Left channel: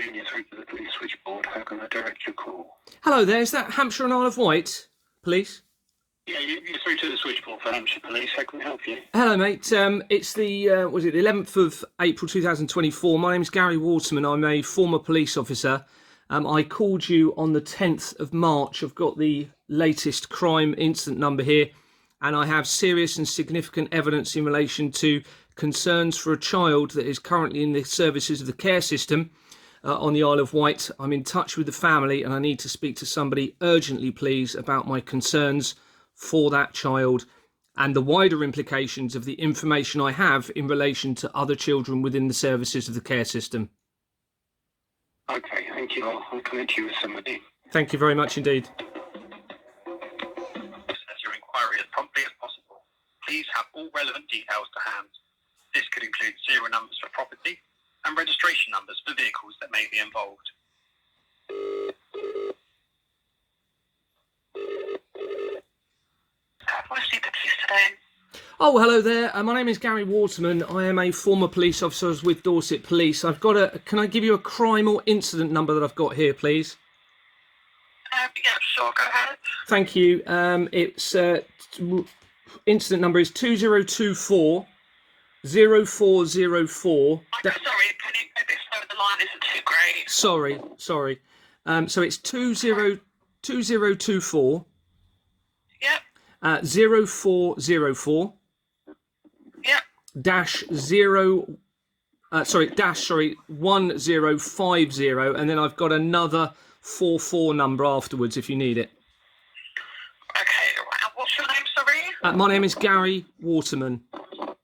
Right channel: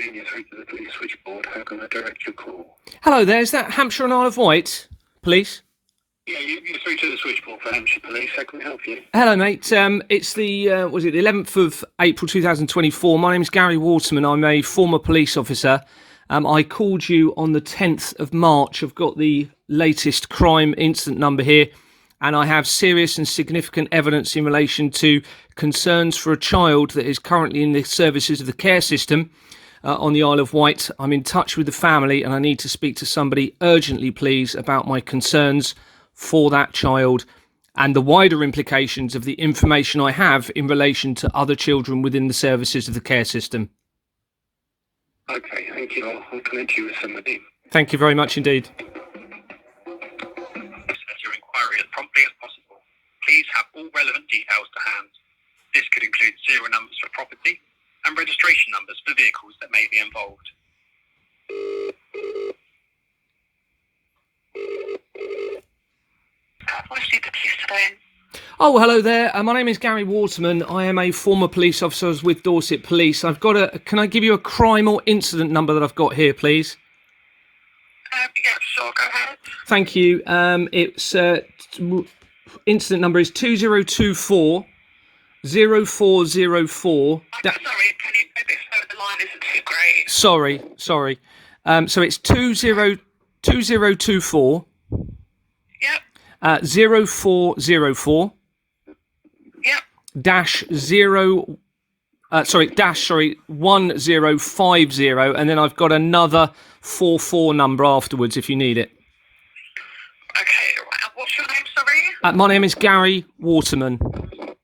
You're through to the police switchboard. How can I direct your call? Hello there, is that Hampshire and Isle of Wight police? Yeah, you're through to the switchboard for Hampshire Police. How can I help you? Hello mate, it's the, the 11th of April 2024. My name's Gary Waterman, I'm a former police officer. I called you on the 10th of March. I've got the latest crime incident number here, and I have serious and significant evidence in relation to concerns for a child that is currently in the services of the care system on the Isle of Wight. I'm in touch with the family and I need to speak to somebody urgently, please, about my concerns for that child and the wider implications of the information I have in relation to other children within the services of the care system. Okay, thank you. I'll connect you with somebody. Thank you very much indeed. Process your inquiry as promptly as possible. Please have all relevant details to hand. This could include serial numbers for property and registration numbers for vehicles that may be involved. What's the police today? Oh, hello there. My name is Gary Waterman. I am a former police officer. I was with Dorset Police. I've got can I give you a crime or incident number that I've got here, please? Yeah, sure, go ahead. Thank you. It's incident number is 2024 0404. I'm sorry, can you go a bit slower? The line isn't too great. Sorry. So it's 2024 Yep, 0404 yep. dash 1050, and then I've got another 44 number afterwards if you need it. Okay, right. And what's your name, sorry? My name is Gary Waterman. And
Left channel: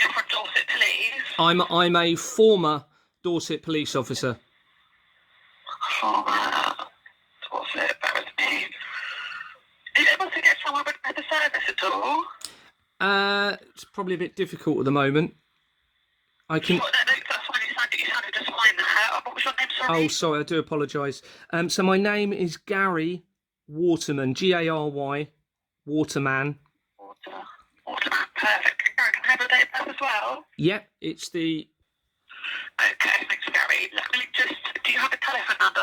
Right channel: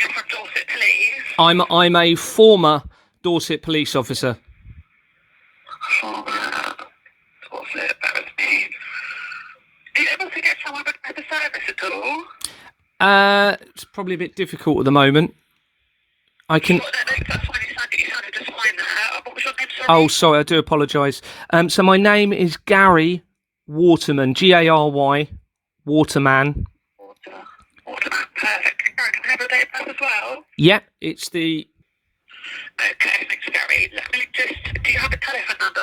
you're from Dorset Police? I'm a former Dorset police officer. Dorset, bear with me. Are you able to get someone with the service at all? It's probably a bit difficult at the moment. I can. No, that's fine, you sounded just fine there. What was your name, sorry? Oh, sorry, I do apologise. So my name is Gary Waterman, Gary, Waterman. Waterman, perfect. Gary, can I have a date of birth as well? Yeah, it's the. Okay, thanks, Gary. Let me just, do you have a telephone number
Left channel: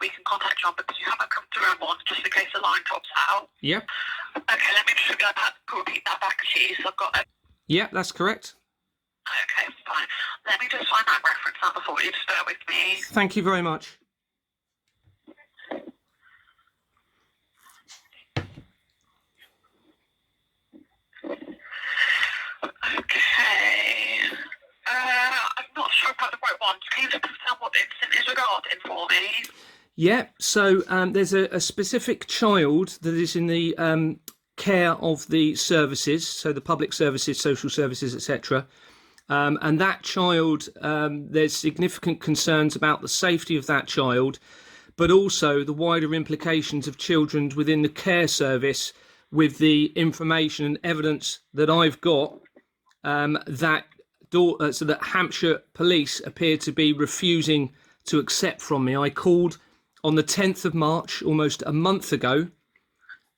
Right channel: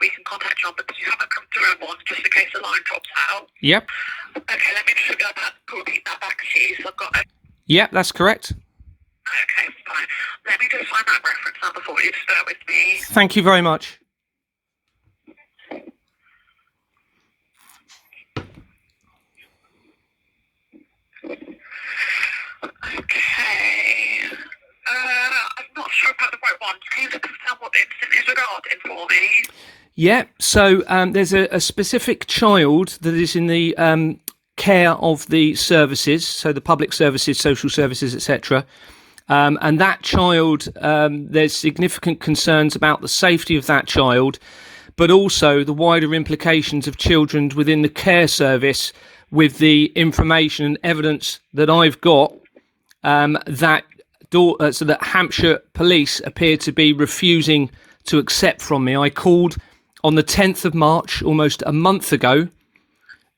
we can contact you on, because you haven't come through on one, just in case the line drops out? Yep. Okay, let me just repeat that back to you. So I've got a... Yeah, that's correct. Okay, fine. Let me just find that reference number for you. Just bear with me. Thank you very much. Okay. I'm not sure about the right one. Can you just confirm what the incident is regarding for me? Yeah, so there's a specific child that is in the care of the services, so the public services, social services, etc. And that child, there's significant concerns about the safety of that child, but also the wider implications of children within the care service with the information and evidence that I've got that Hampshire Police appear to be refusing to accept from me. I called on the 10th of March, almost a month ago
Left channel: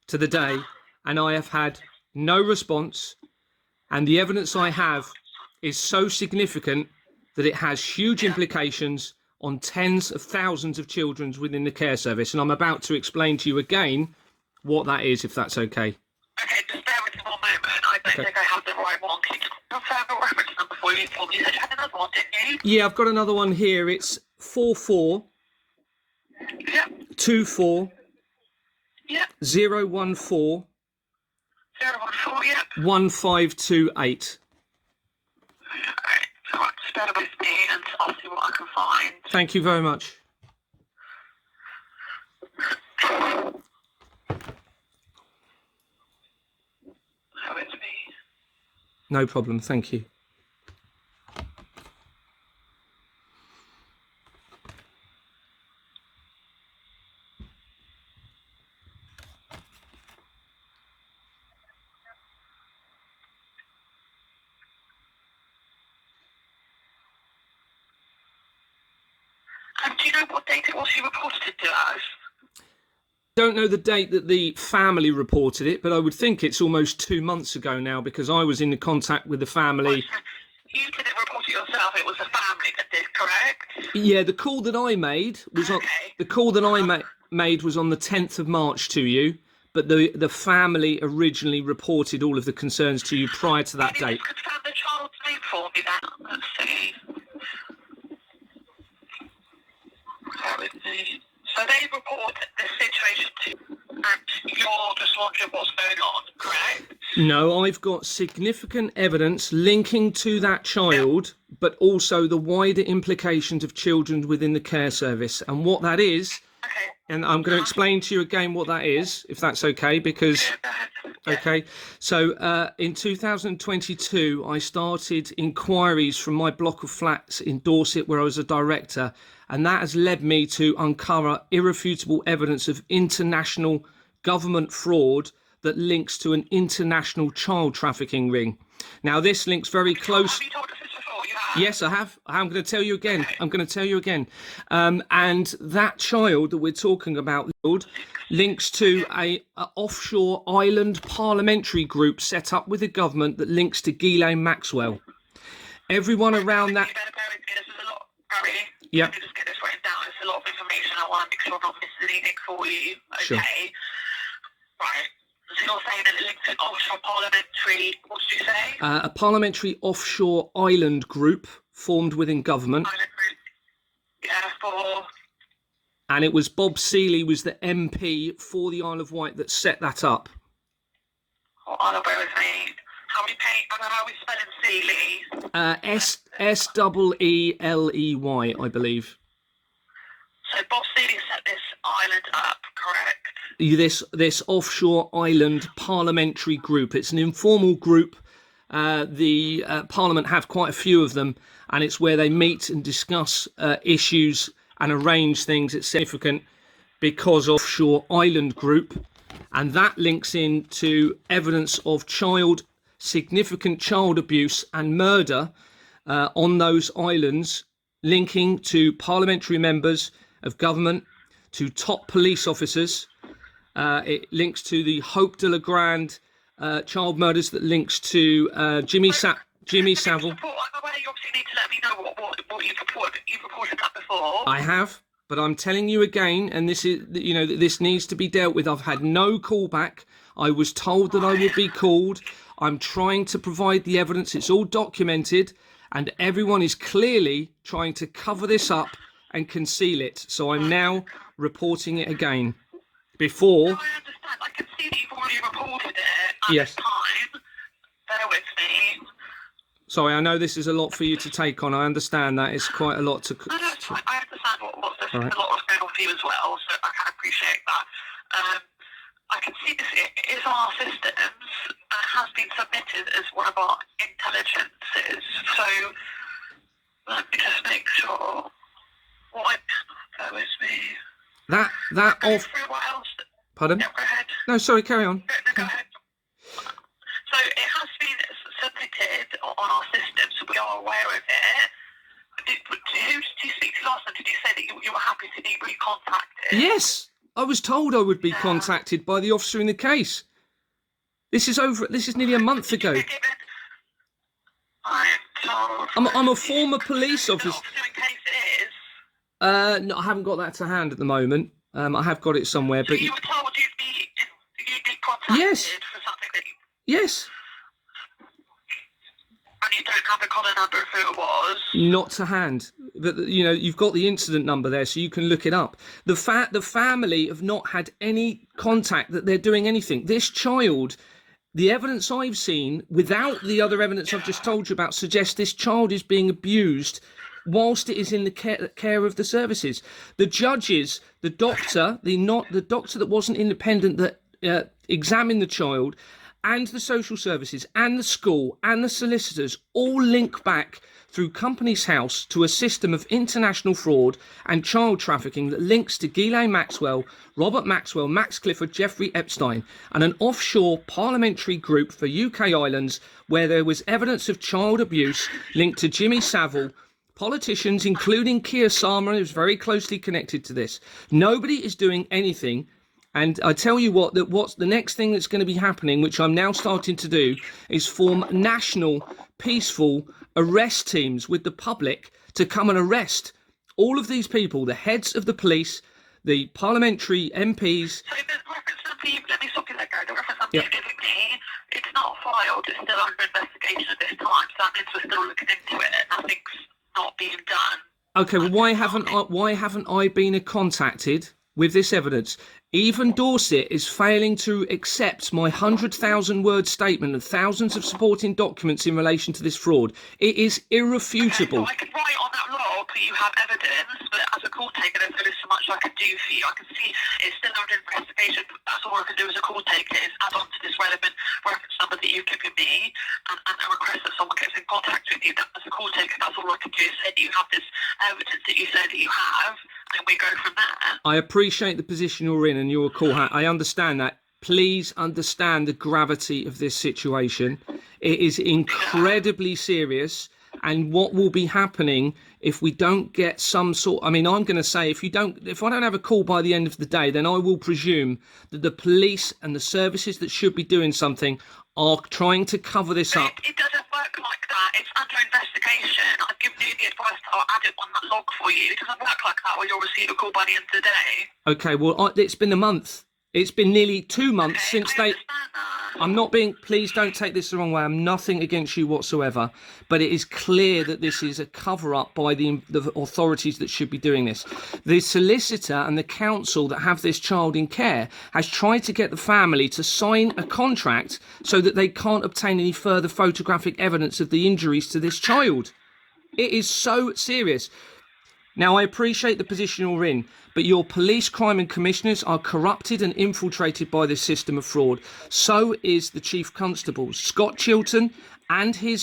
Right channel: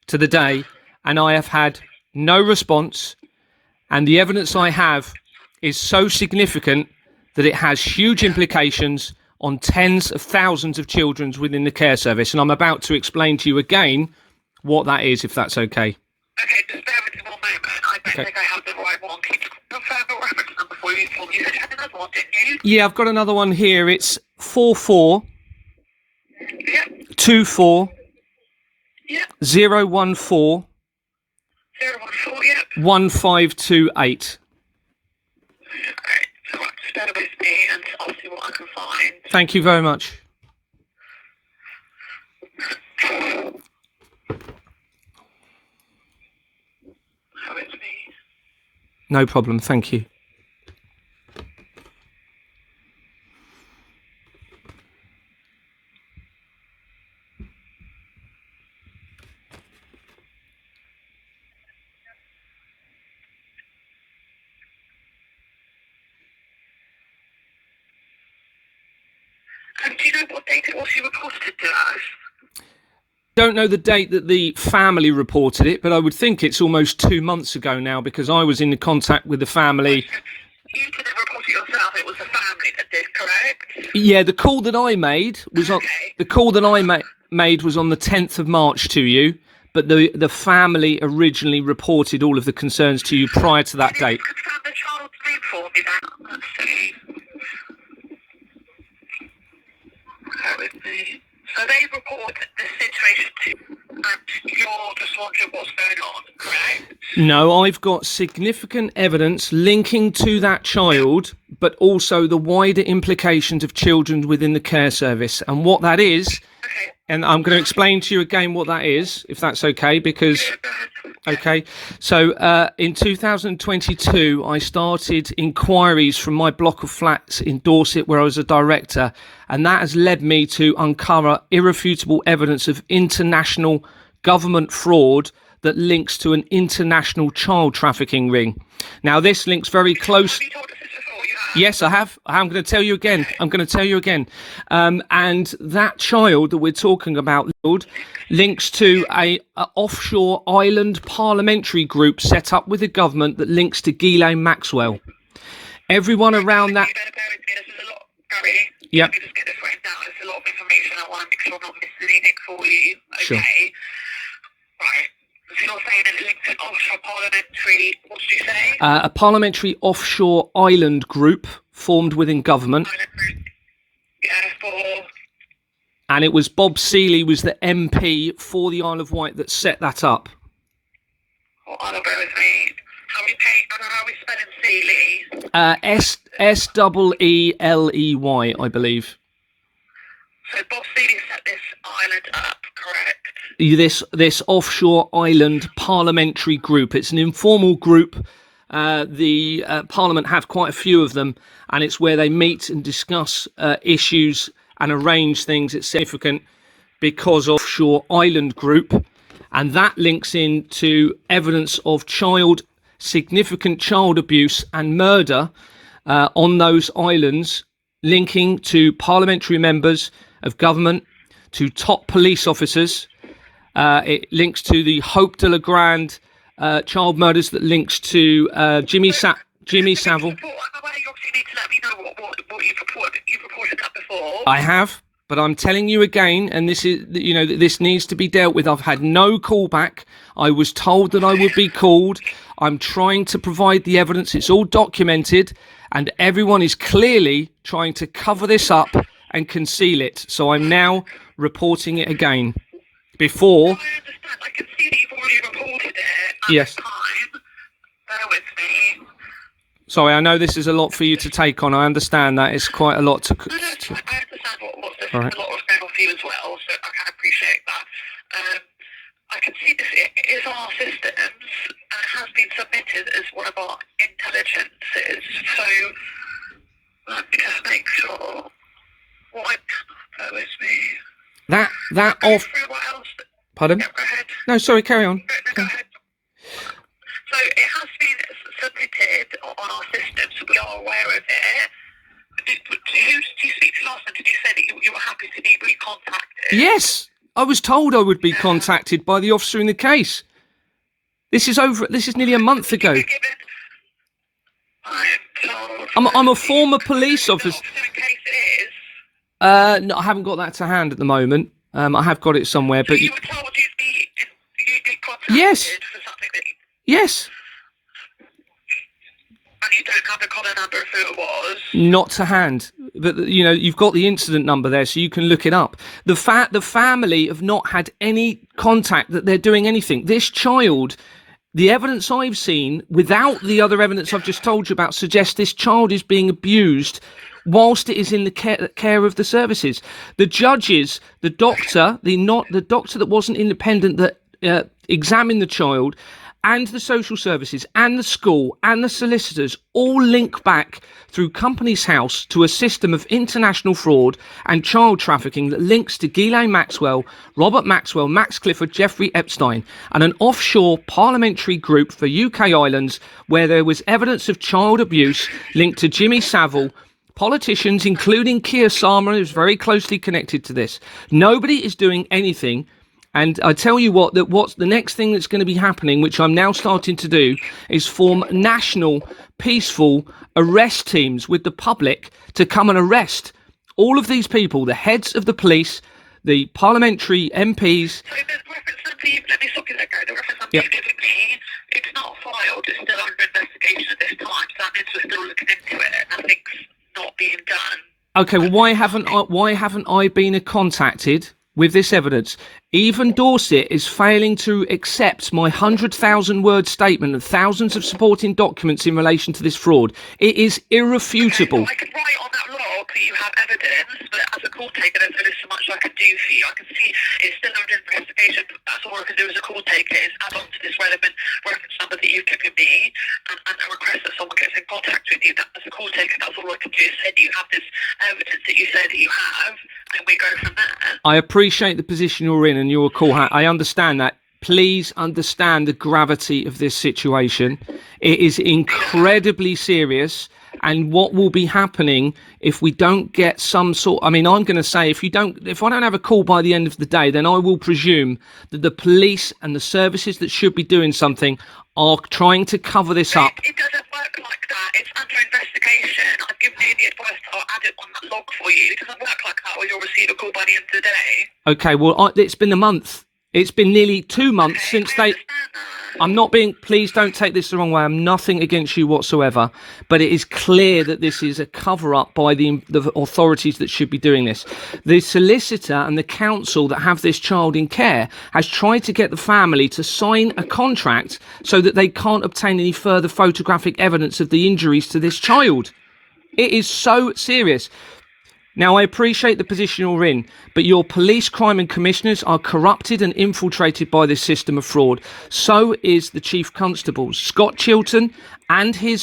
to the day, and I have had no response. And the evidence I have is so significant that it has huge implications on tens of thousands of children within the care service. And I'm about to explain to you again what that is, if that's okay. Okay, just bear with me one moment. I don't think I have the right one. Can you confirm the reference number for you? You said you had another one, didn't you? Yeah, I've got another one here. It's 44 Yep. 24 Yep. 014 014, yep. 1528. Alright, so just bear with me and I'll see what I can find. Thank you very much. Bear with me. No problem, thank you. And do you know what date it was you reported it to us? Don't know the date that the family reported it, but I would think it's almost 2 months ago now because I was in contact with the family. You didn't report it yourself, it was the family that services, correct? Yeah, the call that I made was on made was on the 10th of March to you, but the family originally reported all of the concerns to you prior to that date. Can you confirm the child's name for me then? Let's see. Bear with me. So they reported the situation to you, and you're just wondering what's going on, correct? No, I've got significant evidence linking to that child, but also the wider implications of children within the care service. And what that is, Okay. and I'm going to explain to you again what that is, if that's okay, because... Go ahead. Okay, so in 2022, I started inquiries from my block of flats in Dorset, where I was a director, and that has led me to uncover irrefutable evidence of international government fraud that links to an international child trafficking ring. Now, this links very close. Have you told us this before? You have? Yes, I have. I'm going to tell you again. And that child that we're talking about, Lord, links to a offshore island parliamentary group set up with the government that links to Ghislaine Maxwell. Everyone around that... There's a lot, Gary. Yeah. Let me just get this written down. There's a lot of information. I want to make sure I'm not missing anything for you. Okay. Sure. Right. So you're saying that it links to an offshore parliamentary... What did you say? A parliamentary offshore island group formed within government. Island group. Yeah, for... And it was Bob Seeley was the MP for the Isle of Wight that set that up. Oh, I don't bear with me. How are we spelling Seeley? S-E-E-L-E-Y, I believe. So Bob Seeley set this island up, correct? This offshore island parliamentary group. It's an informal group. The Parliament have quite a few of them, and it's where they meet and discuss issues and arrange things. It's significant because offshore island group, and that links into evidence of significant child abuse and murder on those islands, linking to parliamentary members of government, to top police officers. It links to the Hope de la Grande child murders, that links to Jimmy Savile. I'm aware you obviously need to let me know what you've reported. You've reported that before. I have, but I'm telling you again, and this is, this needs to be dealt with. I've had no callback. I was told that I would be called. I'm trying to provide the evidence. It's all documented, and everyone is clearly trying to cover this up and conceal it. So I'm now reporting it again. Before... No, I understand. I can see that you've already reported it at Yes. the time. Bear with me. Sorry, I know this is a lot for you to take on. I understand that. It's quite a lot to... No, it's fine. I understand what's this. All right. A lot of going on for you as well, so I can appreciate that. I can see this is on our systems and has been submitted as one of our intelligences. So let me just make sure. Bear with me. That Go off... through what else. Pardon? Yeah, go ahead. No, sorry, carry on. No, go ahead. So it has been submitted on our system, so we are aware of it. Who did you speak to last time? Did you say that you were happy to be recontacted? Yes, I was told I would be contacted by the officer in the case. This is nearly a month ago. I'm a former police officer. In case it is. No, I haven't got that to hand at the moment. I have got it somewhere, but... So you were told you'd be contacted Yes. for something that Yes. and you don't have the collar number of who it was. Not to hand, but you've got the incident number there, so you can look it up. The family have not had any contact that they're doing anything. This child, the evidence I've seen, without the other evidence I've just told you about, suggests this child is being abused whilst it is in the care of the services. The judges, the doctor, the doctor that wasn't independent that examined the child, and the social services and the school and the solicitors all link back through Companies House to a system of international fraud and child trafficking that links to Ghislaine Maxwell, Robert Maxwell, Max Clifford, Jeffrey Epstein, and an offshore parliamentary group for UK islands where there was evidence of child abuse linked to Jimmy Savile. Politicians, including Keir Starmer, is very closely connected to this. Nobody is doing anything. And I tell you what's the next thing that's going to be happening, which I'm now starting to do, is form national, peaceful, arrest teams with the public to come and arrest all of these people, the heads of the police, the parliamentary MPs. So the reference number, let me stop you there, Gary. The reference number you've given me, it's not filed, it's still under investigation at this time, so that means we're still looking into it. Nothing's not being done. Okay, well, why haven't I been contacted with this evidence? Even Dorset is failing to accept my 100,000-word statement and thousands of supporting documents in relation to this fraud. It is irrefutable. Okay, so I can write on that log that you have evidence, but as a call taker, there's only so much I can do for you. I can see it's still under investigation, but that's all I can do as a call taker is add on to this relevant reference number that you've given me and a request that someone gets in contact with you. As a call taker, that's all I can do is say that you have this evidence that you say that you have, and we go from there. I appreciate the position you're in and you're a call. I understand that. Please understand the gravity of this situation. It is incredibly serious, and what will be happening if we don't get some sort, I mean, I'm going to say if I don't have a call by the end of the day, then I will presume that the police and the services that should be doing something are trying to cover this up. It doesn't work like that. It's under investigation. I've given you the advice that I'll add it on that log for you. It doesn't work like that, or you'll receive a call by the end of the day. Okay, well, it's been a month. It's been nearly 2 months since they... I'm not being... Please don't take this the wrong way. I'm nothing against you whatsoever. But it is clear that this is a cover-up by the authorities that should be doing this. The solicitor and the council that have this child in care has tried to get the family to sign a contract so that they can't obtain any further photographic evidence of the injuries to this child. It is so serious. Now, I appreciate the position you're in, but your police, crime and commissioners are corrupted and infiltrated by this system of fraud. So is the Chief Constable, Scott Chilton, and his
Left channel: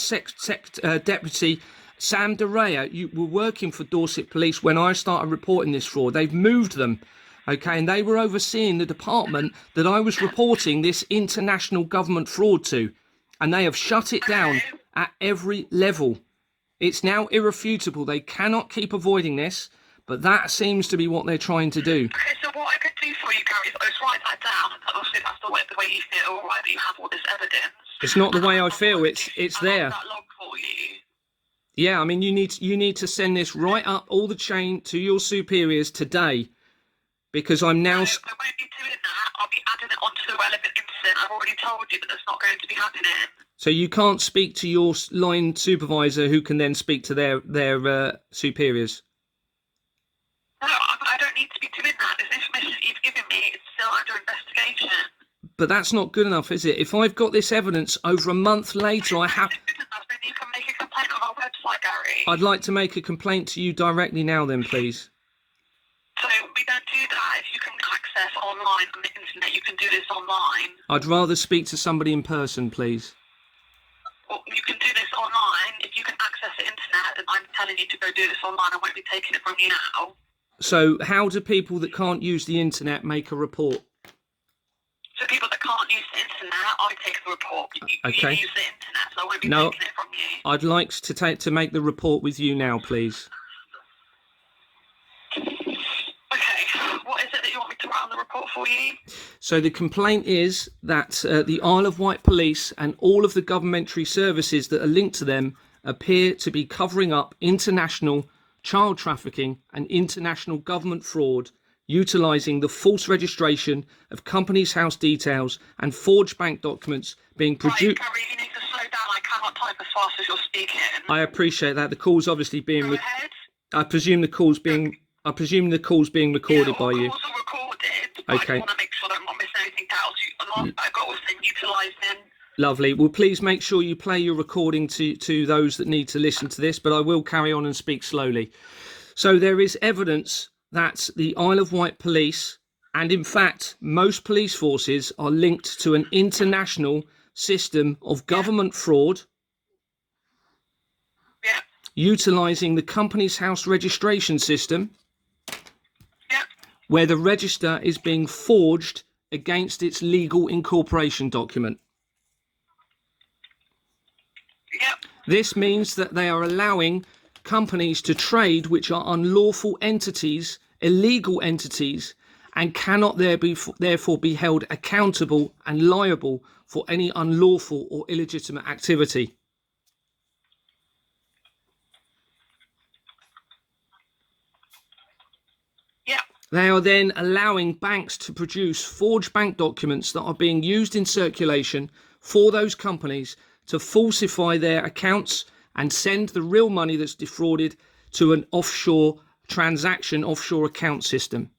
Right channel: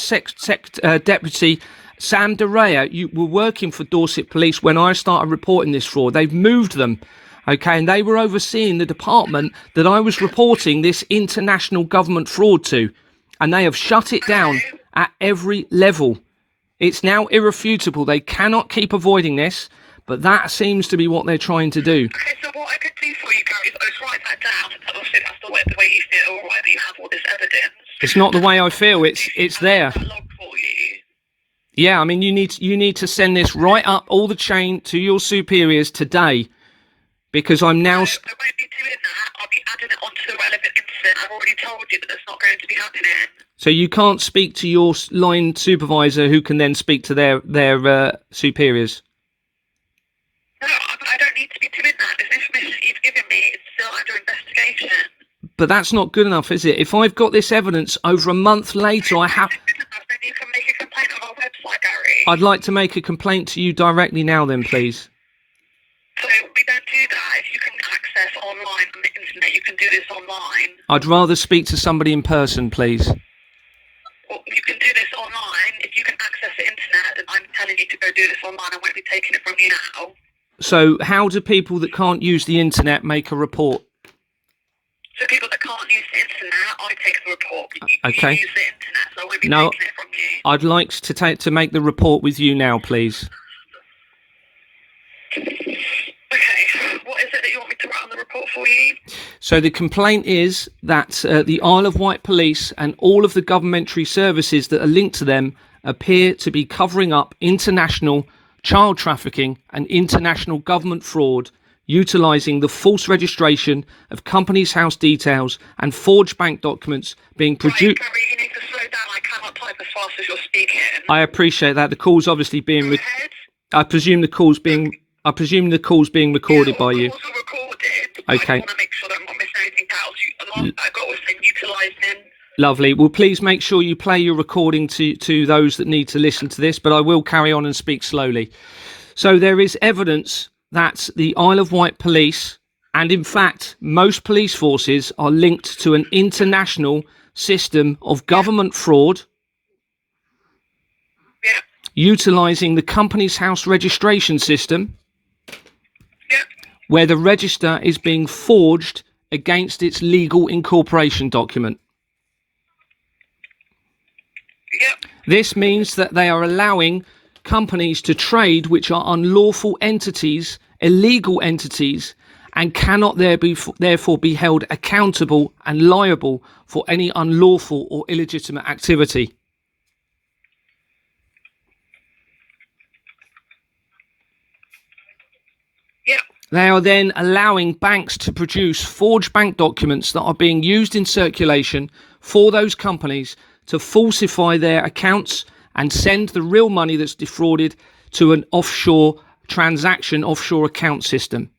deputy, Sam DeRea. You were working for Dorset Police when I started reporting this fraud. They've moved them, okay, and they were overseeing the department that I was reporting this international government fraud to, and they have shut it down at every level. It's now irrefutable. They cannot keep avoiding this, but that seems to be what they're trying to do. Okay, so what I could do for you, Gary, is write that down. Obviously, that's the way you feel, right, that you have all this evidence. It's not the way I feel. It's there. That log for you. Yeah, I mean, you need to send this right up all the chain to your superiors today, because I'm now... No, I won't be doing that. I'll be adding it onto the relevant incident. I've already told you that that's not going to be happening. So you can't speak to your line supervisor, who can then speak to their superiors? No, I don't need to be doing that. This information that you've given me is still under investigation. But that's not good enough, is it? If I've got this evidence over a month later, I have... Then you can make a complaint on our website, Gary. I'd like to make a complaint to you directly now then, please. So we don't do that. If you can access online on the internet, you can do this online. I'd rather speak to somebody in person, please. Well, you can do this online. If you can access the internet, then I'm telling you to go do this online. I won't be taking it from you now. So how do people that can't use the internet make a report? So people that can't use the internet, I take the report. Okay. You use the internet, so I won't be taking it from you. I'd like to make the report with you now, please. Okay, what is it that you want me to write on the report for you? So the complaint is that the Isle of Wight Police and all of the governmentary services that are linked to them appear to be covering up international child trafficking and international government fraud, utilising the false registration of companies' house details and forged bank documents being produced. Right, Gary, you need to slow down. I cannot type as fast as you're speaking. I appreciate that. The call's obviously being... Go ahead. I presume the call's being recorded by you. Calls are recorded. Okay. I want to make sure that I'm not missing anything else. I got was saying utilising. Lovely. Well, please make sure you play your recording to those that need to listen to this, but I will carry on and speak slowly. So there is evidence that the Isle of Wight Police, and in fact most police forces, are linked to an international system of government fraud, utilising the company's house registration system, where the register is being forged against its legal incorporation document. This means that they are allowing companies to trade which are unlawful entities, illegal entities, and cannot therefore be held accountable and liable for any unlawful or illegitimate activity. They are then allowing banks to produce forged bank documents that are being used in circulation for those companies to falsify their accounts and send the real money that's defrauded to an offshore transaction, offshore account system.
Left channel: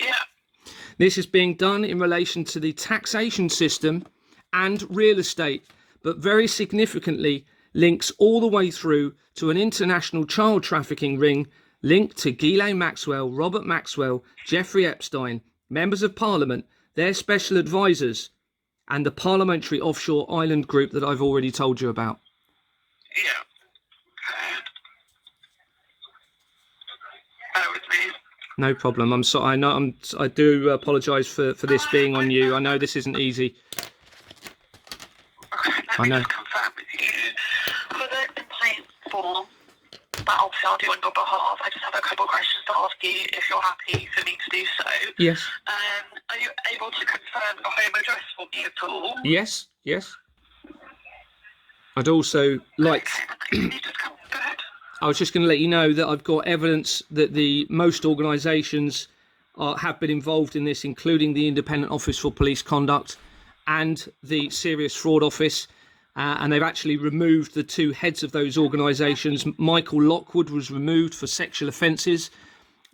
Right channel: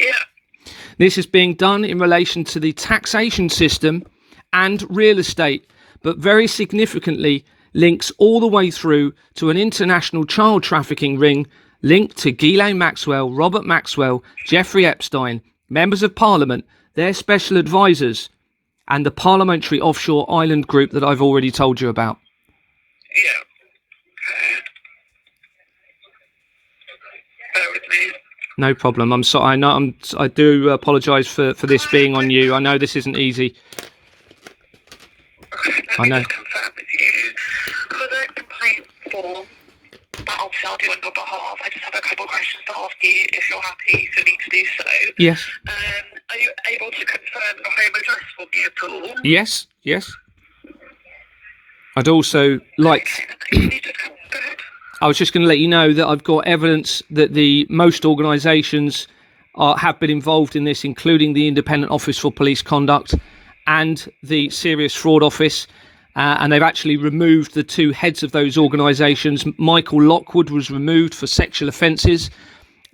Yeah. This is being done in relation to the taxation system and real estate, but very significantly links all the way through to an international child trafficking ring linked to Ghislaine Maxwell, Robert Maxwell, Jeffrey Epstein, members of Parliament, their special advisors, and the Parliamentary Offshore Island Group that I've already told you about. Yeah. Bear with me. No problem. I'm sorry. I do apologise for this being on you. I know this isn't easy. Let me just confirm with you. For the complaint form, that obviously I'll do on your behalf, I just have a couple of questions to ask you if you're happy for me to do so. Yes. Are you able to confirm your home address for me at all? Yes. I'd also like... Can you just go ahead? I was just going to let you know that I've got evidence that most organisations have been involved in this, including the Independent Office for Police Conduct and the Serious Fraud Office, and they've actually removed the two heads of those organisations. Michael Lockwood was removed for sexual offences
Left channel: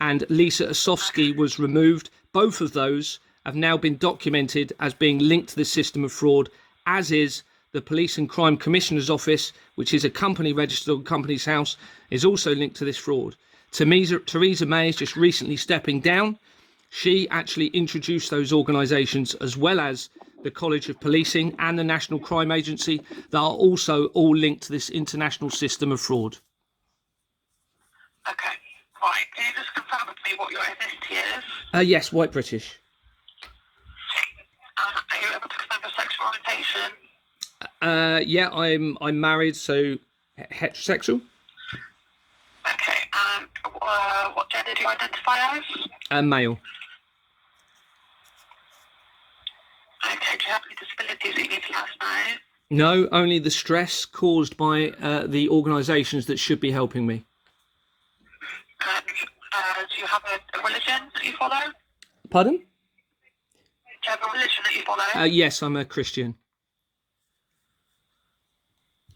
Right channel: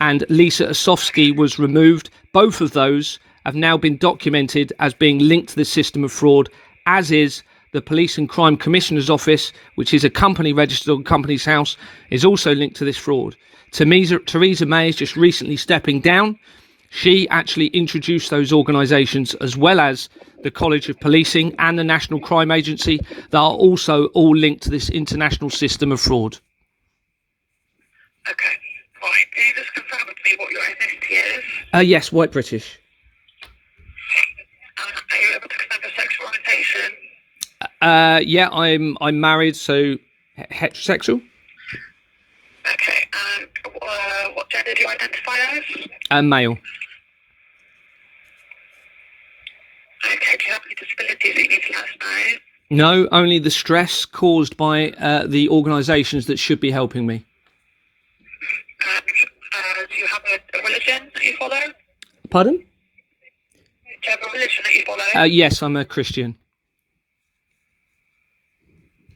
and Lisa Osofsky was removed. Both of those have now been documented as being linked to the system of fraud, as is the Police and Crime Commissioner's Office, which is a company registered on Companies House, is also linked to this fraud. Theresa May is just recently stepping down. She actually introduced those organisations, as well as the College of Policing and the National Crime Agency, that are also all linked to this international system of fraud. Okay, right. Can you just confirm with me what your ethnicity is? Yes, white British. Are you able to confirm your sexual orientation? Yeah, I'm married, so heterosexual. Okay, and what gender do you identify as? Male. Okay, do you have any disabilities that you need to let us know? No, only the stress caused by the organisations that should be helping me. And do you have a religion that you follow? Pardon? Do you have a religion that you follow? Yes, I'm a Christian.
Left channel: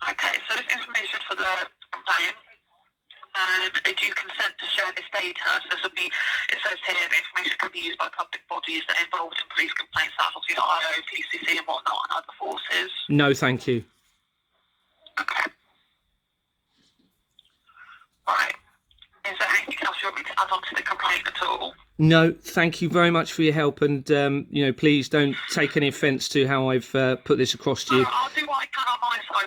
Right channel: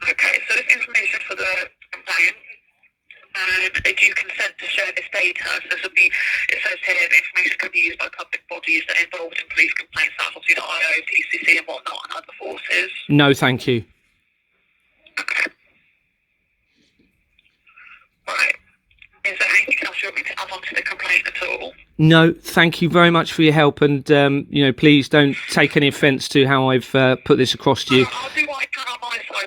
Okay, so this information for the complaint, and do you consent to share this data? So this will be, it says here, the information can be used by public bodies that are involved in police complaints, that's obviously the IO, PCC and whatnot, and other forces. No, thank you. Okay. Right. Is there anything else you want me to add on to the complaint at all? No, thank you very much for your help, and please don't take any offence to how I've put this across to you. I'll do what I can on my side